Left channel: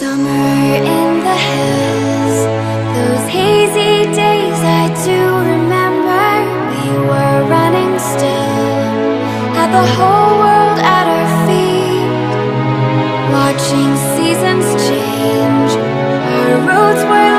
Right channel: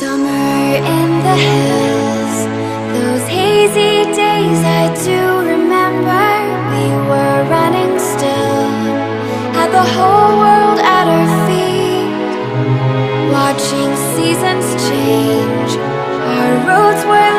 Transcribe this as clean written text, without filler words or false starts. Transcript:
Summer in the hills, those hazy days I do remember. We were running still, had the whole world at our feet, watching seasons change. Our roads were